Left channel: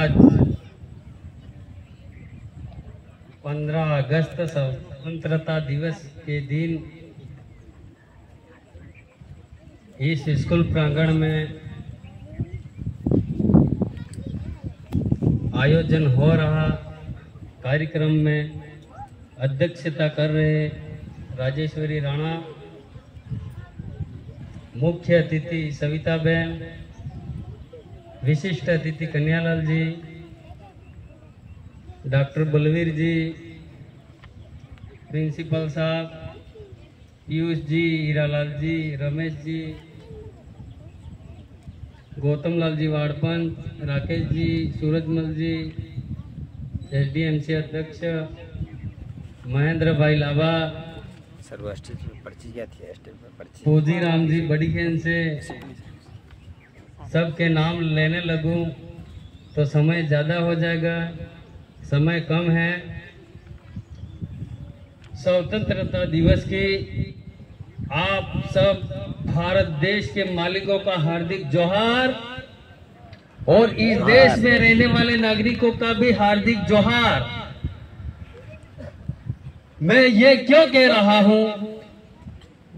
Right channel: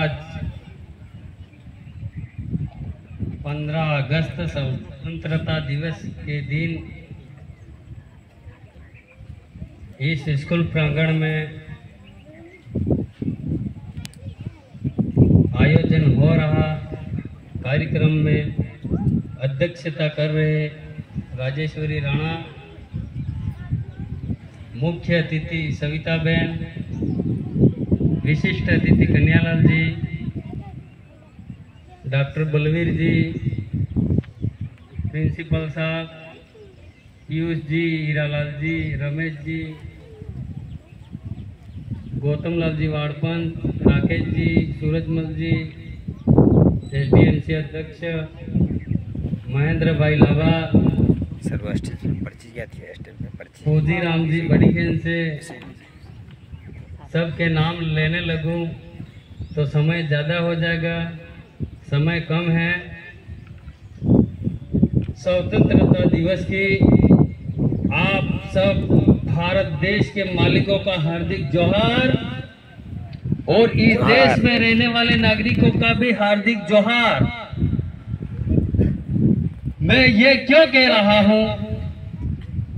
आज 15 अगस्त स्वतंत्रता दिवस के दिन इस स्कूल प्रांगण में आयोजन हो रहा कार्यक्रम में अध्यक्षता कर रहे राजेश्वरी राणा, मुख्य अतिथि सविता बहन, विशिष्ट अतिथि कन्यालाल जी, डॉक्टर बलवीर जी, प्रिंसिपल साहब, पीयूष जी, हीरालाल जी, रमेश जी, गौतम लाल जी वाड़पन, राकेश जी, सूरजमल जी, एसडीएमसी अध्यक्ष महेंद्र भाई लाभा, फौजी राम जी बड़ी खेन से, सबके नाम लेने लगूं तो समय ज़्यादा हो जाएगा, समय कम है। स्वतंत्रता दिवस की आप सब भारत देश के मालिकों का हार्दिक जोहार और इस देश में रहने वाले नागरिकों का भी हार्दिक जोहार। मैं ये क्यों कह रहा हूं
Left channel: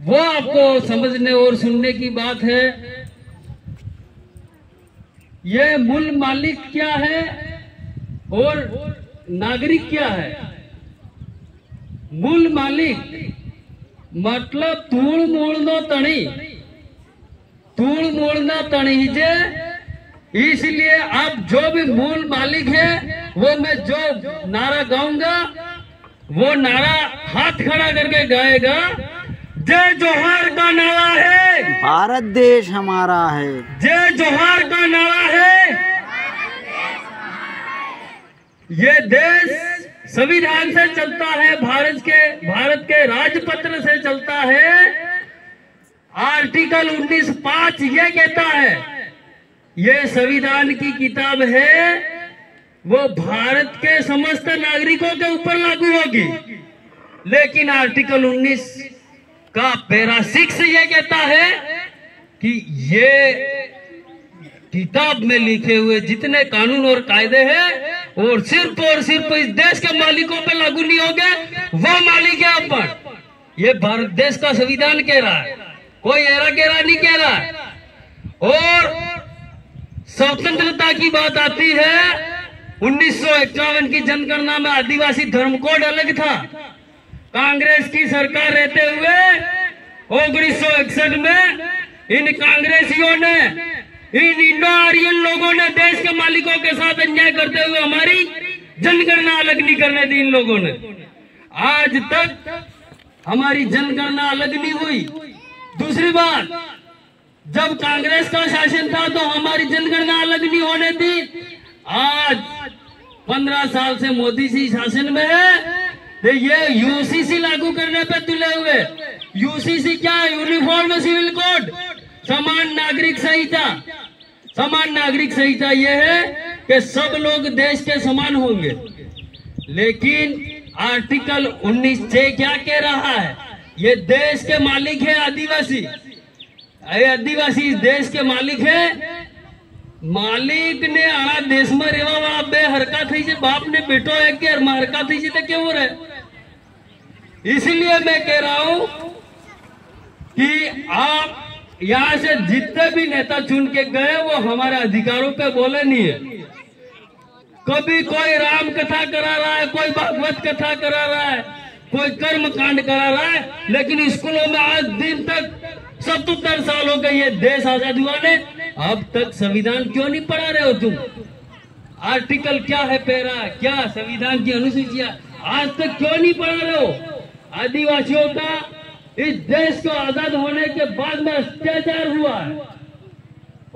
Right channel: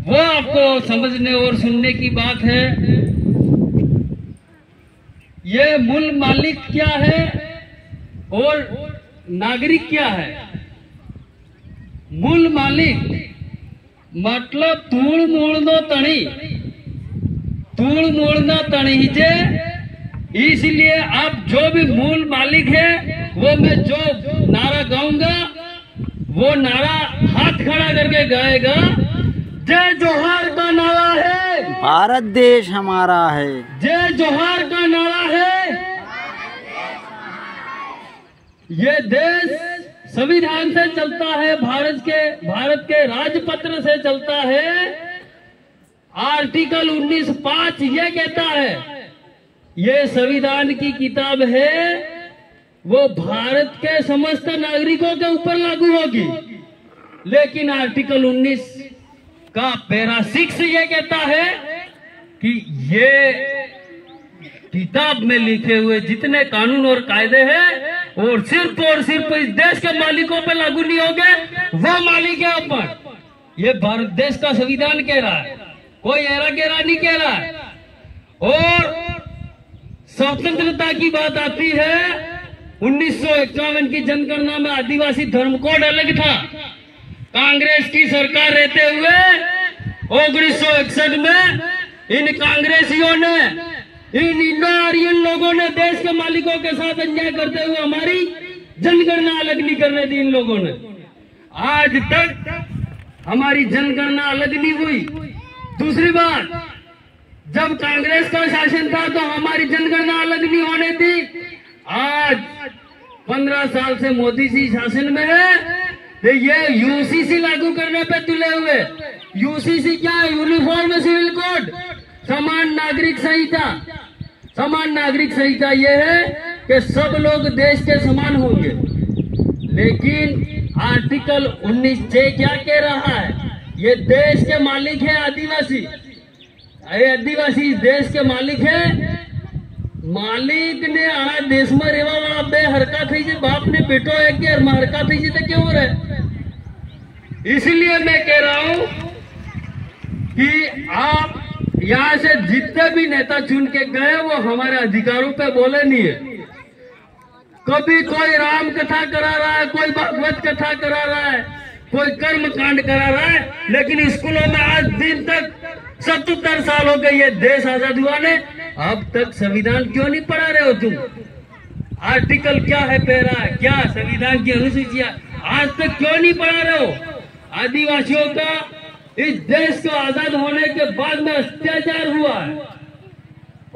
वो आपको समझने और सुनने की बात है। ये मूल मालिक क्या है और नागरिक क्या है। मूल मालिक मतलब तूड़ मूड़नो तणी जे, इसलिए अब जो भी मूल मालिक है वो मैं जो नारा गाऊंगा वो नारा हाथ खड़ा करके गाएगा। जय जोहार का नारा है, भारत देश हमारा है। जय जोहार का नारा है। ये देश संविधान से चलता है, भारत के राजपत्र से चलता है। आर्टिकल 19(5) ये कहता है, ये संविधान की किताब है, वो भारत के समस्त नागरिकों के ऊपर लागू होगी। लेकिन आर्टिकल 19 का पैरा 6 ये कहता है कि ये किताब में लिखे हुए जितने कानून और कायदे हैं और सिर्फ इस देश के मालिकों पे लागू नहीं होंगे। वो मालिक है अपन। ये भारत देश का संविधान कह रहा है, कोई एरा गेरा नहीं कह रहा है। और स्वतंत्रता की बात आती है, 1951 की जनगणना में आदिवासी धर्म कोड अलग था। कांग्रेस की सरकार रहते हुए 1961 में इन कांग्रेसियों ने, इन इंडो आर्यन लोगों ने देश के मालिकों के साथ अन्याय करते हुए हमारी जनगणना अलग नहीं करने दी। इन लोगों ने आज तक हमारी जनगणना अलग नहीं हुई। दूसरी बात, जब कांग्रेस का शासन था तो हमारी जनगणना अलग नहीं होने दी। आज 15 साल से मोदी जी शासन में है, तो ये यूसीसी लागू करने पे तुले हुए। यूसीसी क्या है? यूनिफॉर्म सिविल कोड, समान नागरिक संहिता। समान नागरिक संहिता ये है कि सब लोग देश के समान होंगे। लेकिन आर्टिकल 19(6) क्या कह रहा है? ये देश के मालिक है आदिवासी। आदिवासी इस देश के मालिक है। मालिक ने आ देश में रेवा वाला बे हरका थी जे, बाप ने बेटो है कि हरका थी जी तो क्यों हो रहा है? इसलिए मैं कह रहा हूं कि आप यहाँ से जितने भी नेता चुन के गए वो हमारे अधिकारों पे बोले नहीं है। कभी कोई राम कथा करा रहा है, कोई भागवत कथा करा रहा है, कोई कर्म कांड करा रहा है, लेकिन स्कूलों में आज दिन तक 77 साल हो गए ये देश आजाद हुआ ने, अब तक संविधान क्यों नहीं पढ़ा रहे हो तुम? आर्टिकल क्या है, पैरा क्या, संविधान की अनुसूचियां आज तक क्यों नहीं पढ़ा रहे हो? आदिवासियों का इस देश को आजाद होने के बाद में अत्याचार हुआ है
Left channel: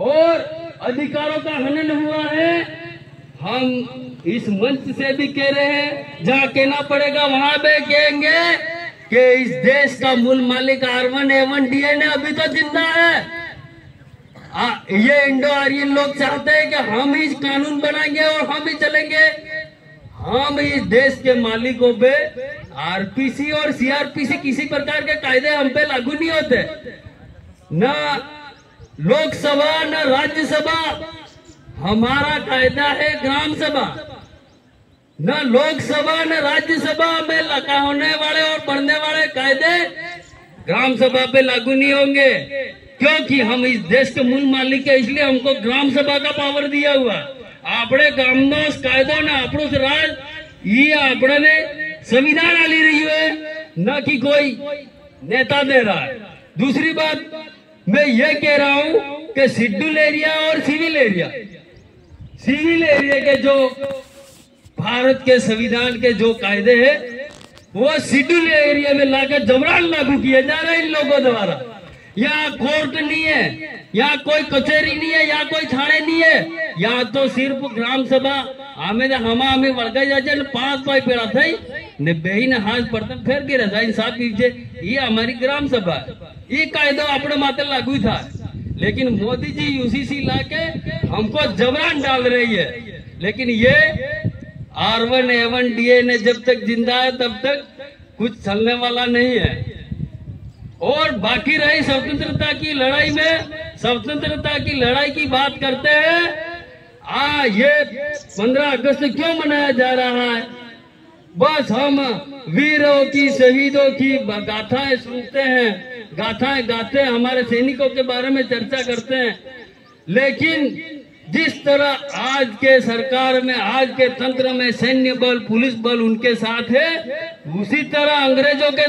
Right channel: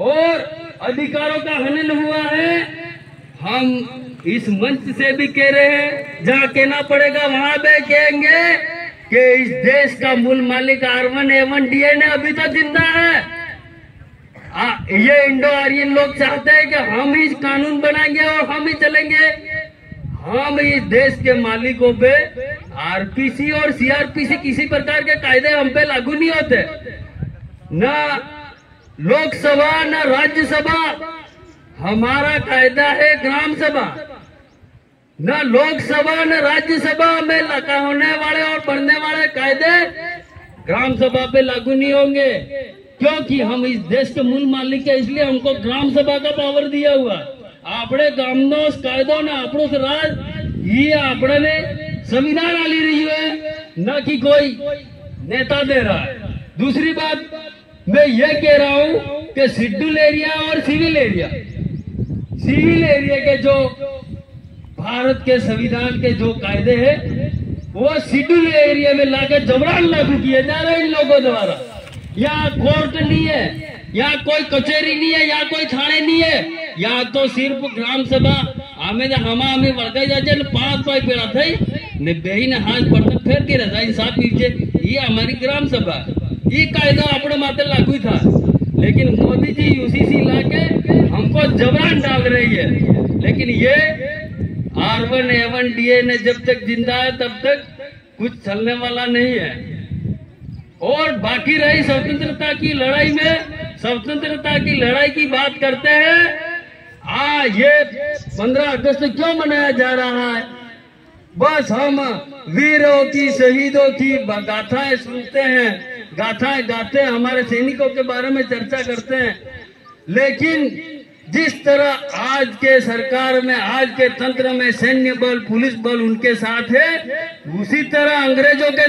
और अधिकारों का हनन हुआ है। हम इस मंच से भी कह रहे हैं, जहाँ कहना पड़ेगा वहां पे कहेंगे कि इस देश का मूल मालिक R1A1 DNA अभी तो जिंदा है। ये इंडो आर्यन लोग चाहते हैं कि हम ही कानून बनाएंगे और हम ही चलेंगे। हम इस देश के मालिकों पे आरपीसी और सीआरपीसी किसी प्रकार के कायदे हम पे लागू नहीं होते। न लोकसभा न राज्यसभा हमारा कायदा है ग्राम सभा, न लोकसभा न राज्यसभा में लगा होने वाले और बनने वाले कायदे ग्राम सभा पे लागू नहीं होंगे, क्योंकि हम इस देश के मूल मालिक है, इसलिए हमको ग्राम सभा का पावर दिया हुआ। આપણે ગામનો કાયદો ને આપણું રાજ ये આપણે संविधान आली रही है, न कि कोई नेता दे रहा है। दूसरी बात मैं ये कह रहा हूं कि शेड्यूल एरिया और सिविल एरिया के जो भारत के संविधान के जो कायदे हैं वो शेड्यूल एरिया में लाकर जबरन लागू किए जा रहे हैं इन लोगों द्वारा। यहाँ कोर्ट नहीं है, यहाँ कोई कचेरी नहीं है, यहाँ कोई थाने नहीं है, यहाँ तो सिर्फ ग्राम सभा हमें वળગાઈ જાય છે ને 5 ભાઈ પેલા થઈ ને બેહીને હાથ પડતા ફેર કે રજા ઇન્સાફ નીચે ये हमारी ग्राम सभा ये कायदा अपने माथे लागू था, लेकिन मोदी जी यूसीसी लाके हमको जबरन डाल रही है। लेकिन ये R1 A1 DA ने जब तक जिंदा है तब तक कुछ चलने वाला नहीं है। और बाकी रही स्वतंत्रता की लड़ाई में, स्वतंत्रता की लड़ाई की बात करते हैं। ये 15 अगस्त क्यों मनाया जा रहा है? बस हम वीरों की, शहीदों की गाथाएं सुनते हैं, गाथाएं गाते हैं, हमारे सैनिकों के बारे में चर्चा करते हैं, लेकिन जिस तरह आज के सरकार में, आज के तंत्र में सैन्य बल, पुलिस बल उनके साथ है, उसी तरह अंग्रेजों के